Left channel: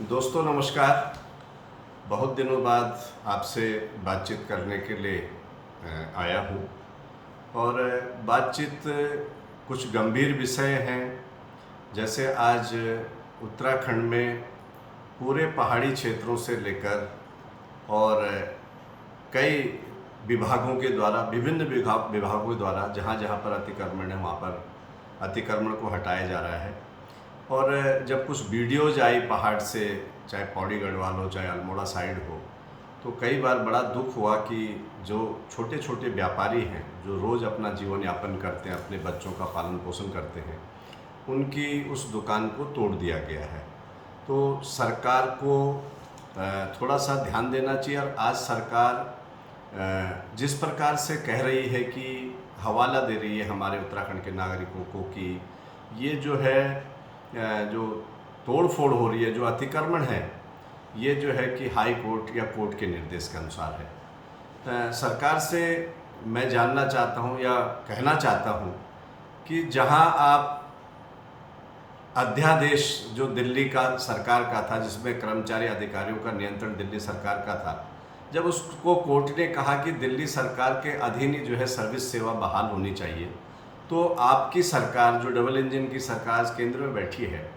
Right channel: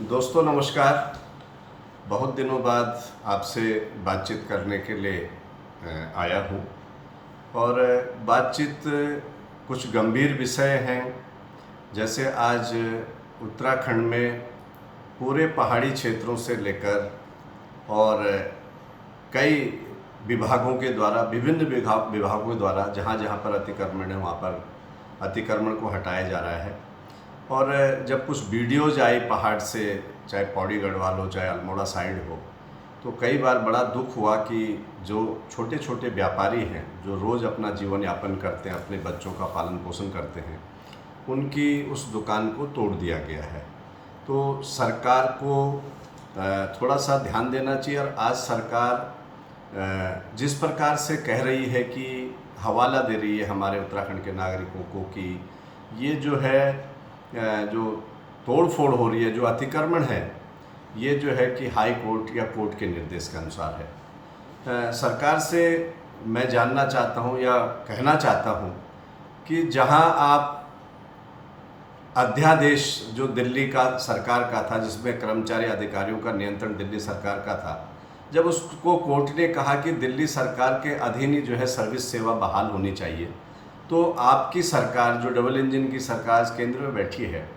दोस्तों नमस्कार। बहुत दिनों बाद आपसे बातचीत करने के लिए आया हूँ और बातचीत कुछ गंभीर विषय हैं। जैसे आज उत्तराखंड में पूरे पहाड़ी क्षेत्रों से लेकर और कई विभागों के द्वारा विभिन्न विभागों के द्वारा जहाँ जहाँ पर अतिक्रमण है वहाँ पर अतिक्रमण को हटाया जा रहा है। और जब कुछ वीडियोज आई पहाड़ से, चाहे पौड़ी गढ़वाल हो चाहे अल्मोड़ा साइड हो, तो कई बार बड़ा दुख हुआ कि जो छोटे छोटे व्यापारी हैं जो रोज़ अपना जीवन यापन करते हैं, अपने बच्चों का पालन पोषण करते हैं, उनकी उस दुकान को तोड़ दिया गया है। तो सरकार को थोड़ा सा ध्यान देना चाहिए। और आज सरकार जिस प्रकार से कह रही है कि हवाला दे रही है हमारे उत्तराखंड के नागरिकों को कि ये जो है जो तोड़ फोड़ हो रही है, जो अतिक्रमण है, ये जो है कि हाई कोर्ट या कोर्ट के निर्देश के अनुसार है। सरकार से मैं जानना चाहता हूँ या कहना चाहता हूँ कि जहाँ आप अध्यादेश जो दिल्ली का सरकार का था, जिसमें कर्मचारी अधिकारियों का नियंत्रण दिल्ली सरकार का था, जब उसको कोर्ट ने कहा कि दिल्ली सरकार के अधीन ही जो है सर्विस सेवा बहाल होनी चाहिए, तो आपकी सरकार जो डबल इंजन की सरकार केंद्र में बैठी है,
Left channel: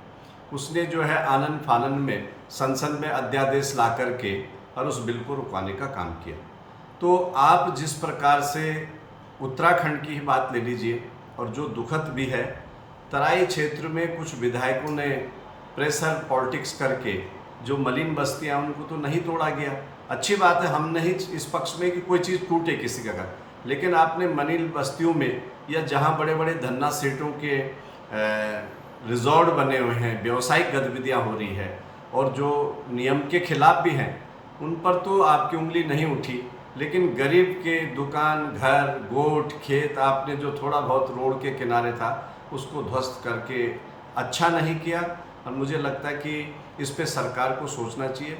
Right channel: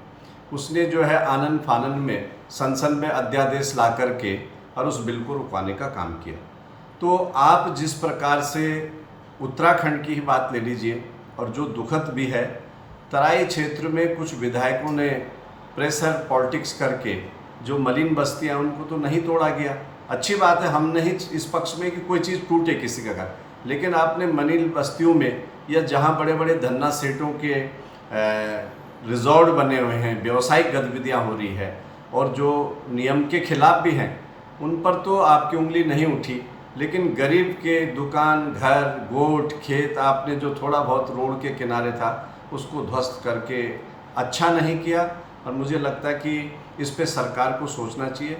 उसने जो है आनन फानन में संसद में अध्यादेश ला करके और उस बिल को रुकवाने का काम किया। तो आप जिस प्रकार से उत्तराखंड की ही बात ले लीजिए, और जो दुखद भी है, तराई क्षेत्र में कुछ विधायकों ने प्रेशर पॉलिटिक्स करके जो मलिन बस्तियां उनको तो नहीं तोड़ा गया। अच्छी बात है, हम नहीं इस पक्ष में कि कोई चीज़ टूटे किसी का घर, लेकिन आपने मलिन बस्तियों में या जहां बड़े बड़े धन्ना सेठों के रिजॉर्ट बने हुए हैं, व्यावसायिक गतिविधियां हो रही है और जो नियम के खिलाफ भी हैं, उन पर तो आपकी उंगली नहीं उठी। लेकिन गरीब के दुकान, घर, गोठ, खेत, आपने जो थोड़ा बहुत रोड के किनारे था उसको ध्वस्त करके अच्छा नहीं किया। और मुझे लगता है कि इस पे सरकार को सोचना चाहिए।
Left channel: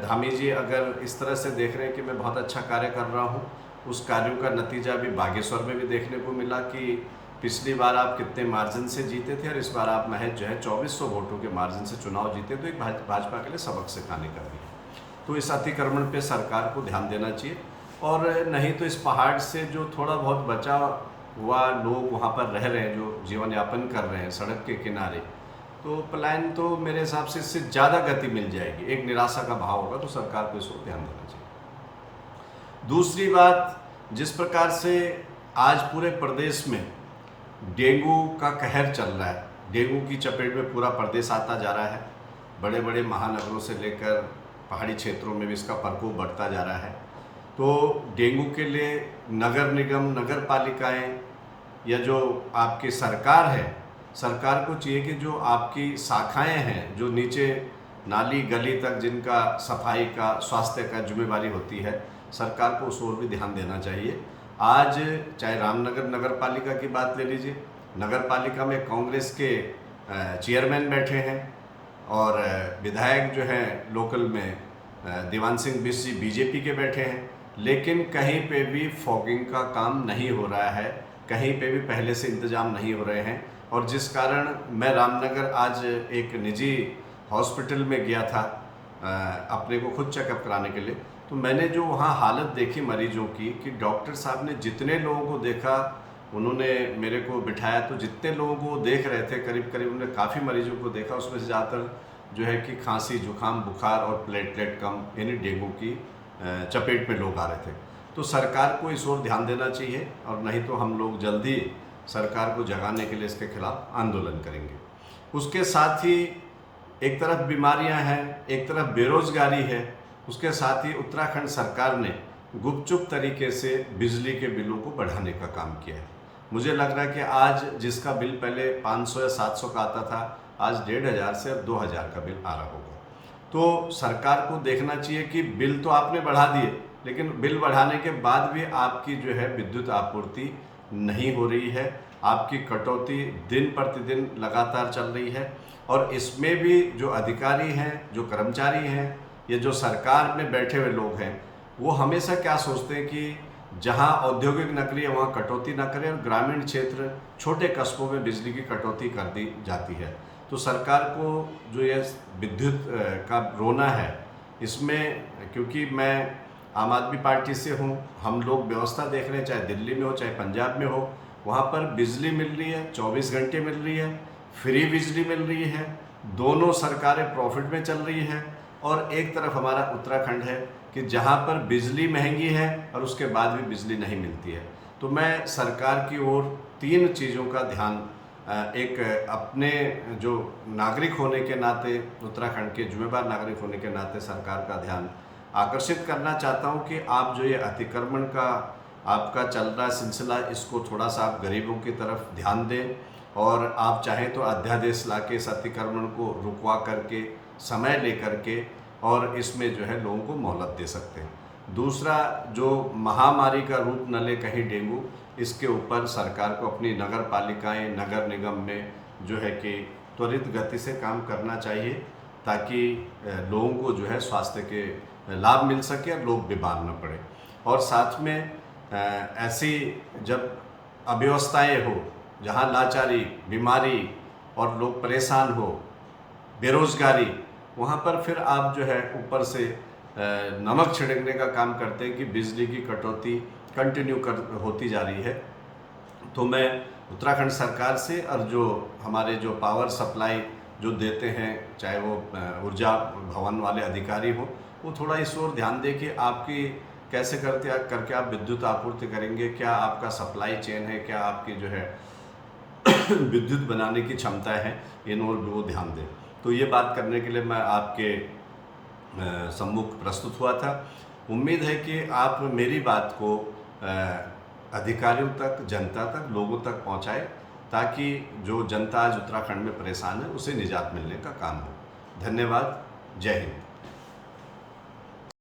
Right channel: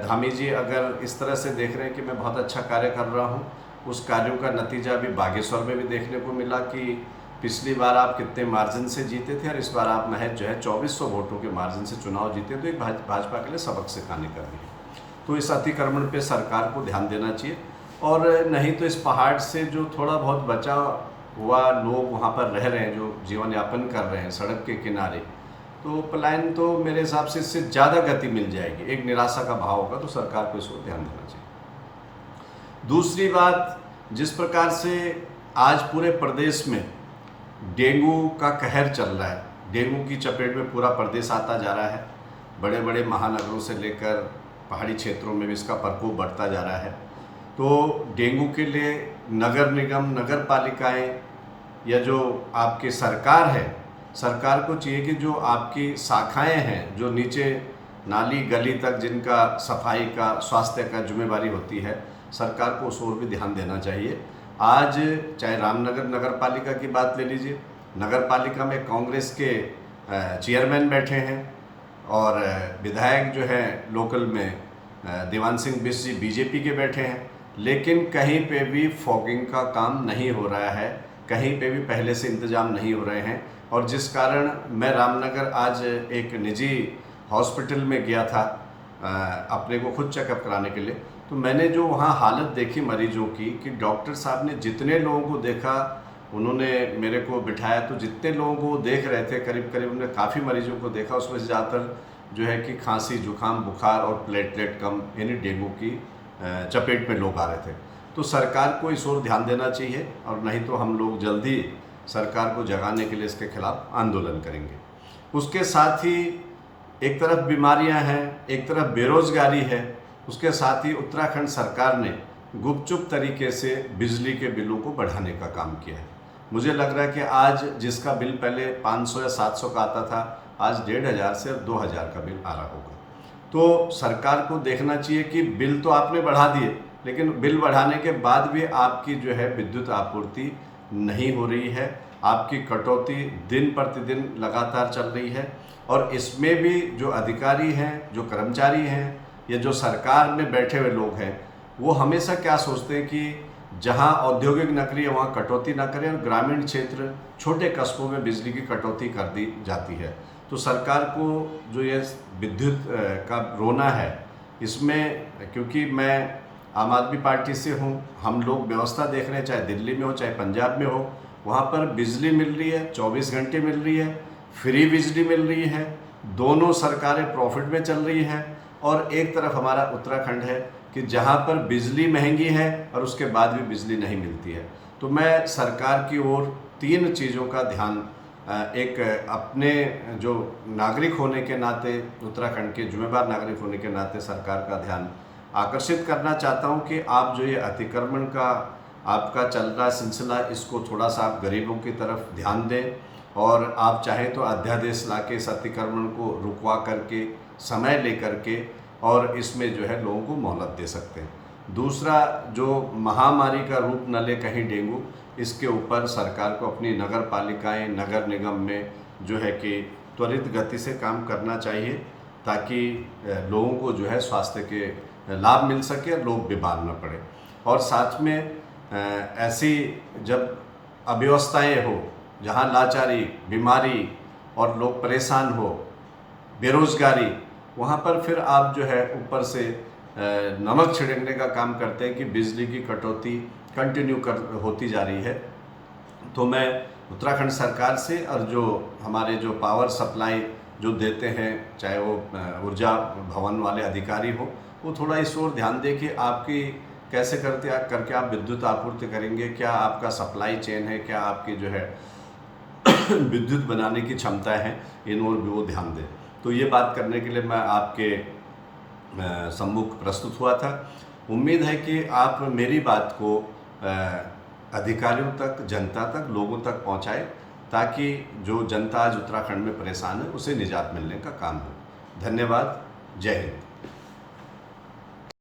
धामी जी अगर इस तरह से देख रहे हैं कि मैं बहुत अच्छा कार्य कर रहा हूँ, उस कार्यों का नतीजा भी बागेश्वर में भी देखने को मिला कि पिछली बार आप कितने मार्जिन से जीते थे और इस बार आप महज जो है 2400 वोटों के मार्जिन से चुनाव जीते। तो एक भाजपा के लिए सबक सिखाने का भी है। तो इस अतिक्रमण पे सरकार को ध्यान देना चाहिए। और नहीं तो इस पहाड़ से जो थोड़ा बहुत बचा हुआ लोग वहाँ पर रह रहे हैं, जो जीवन यापन कर रहे हैं सड़क के किनारे, तो पलायन तो मेरे हिसाब से इससे ज़्यादा गति मिल जाएगी। एक निराशा का भाव होगा, तो सरकार को इसको ध्यान देना चाहिए। दूसरी बात, जिस प्रकार से आज पूरे प्रदेश में डेंगू का कहर चल रहा है, डेंगू की चपेट में पूरा प्रदेश आता जा रहा है। बड़े बड़े महानगरों से लेकर पहाड़ी क्षेत्रों में भी इसका प्रकोप बढ़ता जा रहा है। तो डेंगू के लिए नगर निगम, नगर पालिकाएँ या जो आपकी सरकार है, सरकार को चाहिए कि जो आपकी शाखाएं हैं, जो नीचे नाली गली तक जिनका सफाई का, स्वास्थ्य का जिम्मेवारी होती है, सरकार को उस ओर भी ध्यान देना चाहिए। आज चाहे रामनगर नगर पालिका की बात ले लीजिए, नगर पालिका में कांग्रेस के चेयरमैन बैठे हैं और विधायक जो हैं लोकल में देवान सिंह बिष्ट जी बीजेपी के बैठे हैं, लेकिन कहीं पे भी फॉगिंग का काम नहीं हो रहा है, कहीं पे भी पहले से इंतजाम नहीं हो रहे हैं। और जिस कारण मैं रामनगर आज एक निजी हॉस्पिटल में गया था अपने को खुद चेकअप कराने के लिए, तो मैंने जो वहाँ हालत देखी मरीजों की कि डॉक्टर साहब ने जितने लोगों को देखा, उन्होंने मेरे को बिठाया, तो जितने लोगों को देख रहे थे करीब करीब उन्होंने काफ़ी मरीजों को देखा। उसमें से ज़्यादातर जो है कि खांसी, जुकाम, बुखार और प्लेटलेट कम यानी डेंगू की चपेट में लोग आ रहे थे। तो सरकार को इस ओर ध्यान देना चाहिए, और नहीं तो हम लोग जल्दी सरकार को जगाने के लिए इसके खिलाफ आंदोलन करेंगे। उसके साथ ही एक तरफ बीमारियां हैं, एक तरफ बेरोजगारी है, उसके साथ ही उत्तराखंड सरकार ने गुपचुप तरीके से बिजली के बिलों को बढ़ाने का काम किया है। मुझे लग रहा है कि आज जिसका बिल पहले 500 या 700 का आता था, आज 1500 से 2000 का बिल आ रहा होगा। तो सरकार को देखना चाहिए कि बिल तो आपने बढ़ा दिए, लेकिन बिल बढ़ाने के बाद भी आपकी जो है विद्युत आपूर्ति नहीं हो रही है, आपकी कटौती दिन प्रतिदिन लगातार चल रही है। और इसमें भी जो अधिकारी हैं, जो कर्मचारी हैं, या जो सरकार में बैठे हुए लोग हैं, वो हमेशा क्या सोचते हैं कि जहां औद्योगिक नगरी है वहाँ कटौती ना करें और ग्रामीण क्षेत्र, छोटे कस्बों में बिजली की कटौती कर दी जाती है। तो सरकार को जो ये विद्युत का रोना है, इसमें क्योंकि मैं आम आदमी पार्टी से हूँ, हम लोग व्यवस्था देख रहे हैं, चाहे दिल्ली में हो चाहे पंजाब में हो, वहाँ पर बिजली मिल रही है, 24 घंटे मिल रही है, फ्री बिजली मिल रही है, दोनों सरकारें प्रॉफिट में चल रही है। और एक तरफ हमारा उत्तराखंड है कि जहाँ पर बिजली महंगी है और उसके बाद भी बिजली नहीं मिलती है। तो मैं सरकार की ओर 3 चीज़ों का ध्यान, एक अपने जो नागरिक होने के नाते, उत्तराखंड के जिम्मेदार नागरिक होने के नाते सरकार का ध्यान आकर्षित करना चाहता हूं कि आप जो ये अतिक्रमण का आपका चल रहा सिलसिला, इसको थोड़ा सा आप गरीबों की तरफ ध्यान दें, और आप चाहें तो अध्यादेश लाके इस अतिक्रमण को रुकवा करके, समय लेकर के, और इसमें जो है लोगों को मोहलत दे सकते हैं। दूसरा, जो महामारी का रूप न ले कहीं डेंगू, इसके ऊपर सरकार को अपनी नगर पालिकाएँ, नगर निगम में जो है कि त्वरित गति से काम करना चाहिए, ताकि लोगों को जो है स्वास्थ्य के लाभ मिल सके और लोग बीमार न पड़े। और साथ में ऐसी जब अव्यवस्थाएँ हो, जहाँ लाचारी, बीमारी और लोग परेशान हो, बेरोजगारी, वहाँ पर फिर आप जो है ऊपर से नमक छिड़कने का काम करते हैं कि बिजली की कटौती कंटिन्यू होती जा रही है। तो मैं उत्तराखंड सरकार से, और जो हमारे जो पावर सप्लाई जो देते हैं, चाहे वो ऊर्जा भवन वाले अधिकारी हो, वो थोड़ा इस ओर ध्यान दें कि आपकी कैसे करके आप विद्युत आपूर्ति करेंगे, क्या आपका सप्लाई चेन है, क्या आपकी जो है विद्युत बनाने की क्षमता है, इन ओर भी वो ध्यान दें। तो ये बात करने के लिए मैं आपके सम्मुख प्रस्तुत हुआ था। उम्मीद है कि आप मेरी बात को अधिकारियों तक, जनता तक, लोगों तक पहुंचाएं, ताकि जो जनता आज उत्तराखंड में परेशान है उसे निजात मिलने का काम हो। धन्यवाद। जय हिंद।